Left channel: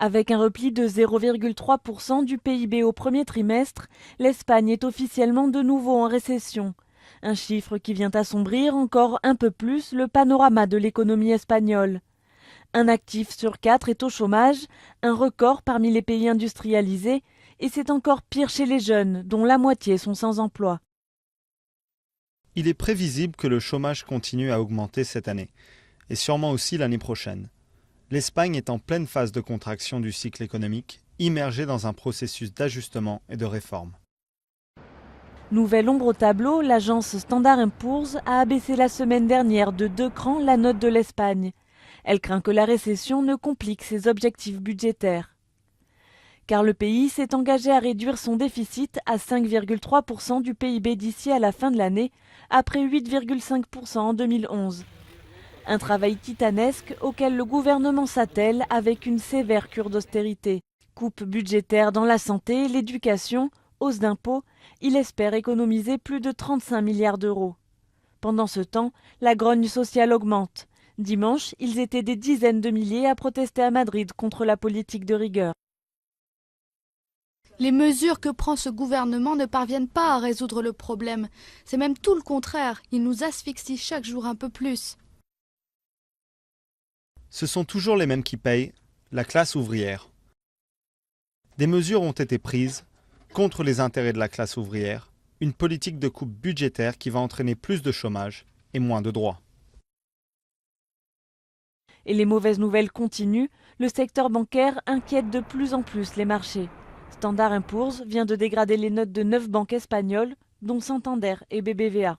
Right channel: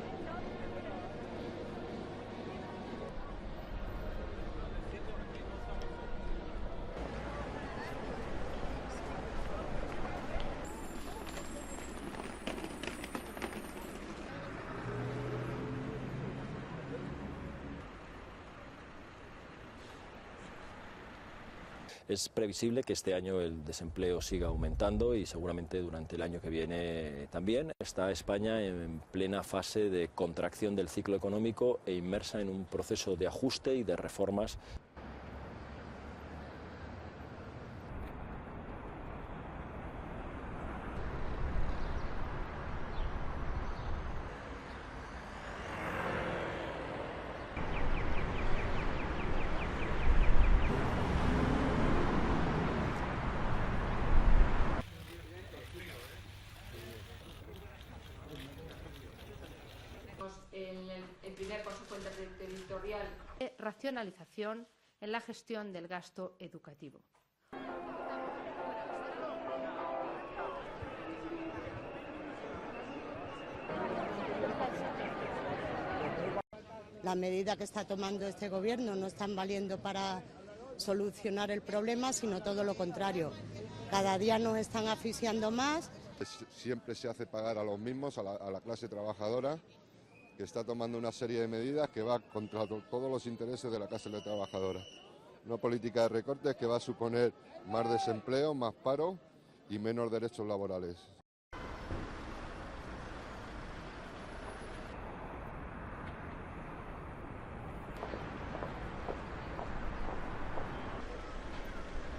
Avec un repli de 0,3% du PIB au premier trimestre, l'Espagne est officiellement de nouveau en récession. Un chiffre qui vient assombrir encore un peu plus le panorama de l'économie espagnole. Un actif sur 4 est au chômage, un record parmi les pays industrialisés, et c'est encore pire chez les jeunes, dont la moitié sont sans emploi. Il est prévisible que le chômage continue à augmenter cette année, et sûrement aussi l'année prochaine. L'Espagne est en pleine phase de contraction du cycle économique, immergée dans un processus d'ajustement et de réforme. Nouvelle ombre au tableau, l'agence Standard & Poor's a abaissé la semaine dernière de 2 crans la note de l'Espagne. Elle craint que la récession ne complique ses objectifs budgétaires. Car le pays s'est engagé à réduire son déficit à 5,3% du PIB d'ici à la fin de l'année, après 8,5% en 2011. Un travail titanesque auquel le gouvernement s'attelle avec une sévère cure d'austérité. Coupes budgétaires dans la santé, l'éducation, hausse d'impôts, il espère économiser plus de 35 milliards d'euros. Pendant ce temps, la grogne sociale augmente. Dimanche, ils étaient des dizaines de milliers à protester à Madrid contre la politique de rigueur. Les mesures que prend ce gouvernement ne parviennent pas à résoudre le problème. C'est même tout le contraire. Il nous asphyxie chaque jour un peu plus. Ce sont toujours les mêmes qui payent, la classe ouvrière. Des mesures ont été prises contre les intérêts de la classe ouvrière, une politique de coupe budgétaire qui va entraîner plus de chômage et moins de droits. Et les mauvaises nouvelles continuent, le secteur bancaire inquiète de plus en plus les marchés. Standard & Poor's vient de dégrader les notes de 9 banques espagnoles, dont Santander et BBVA.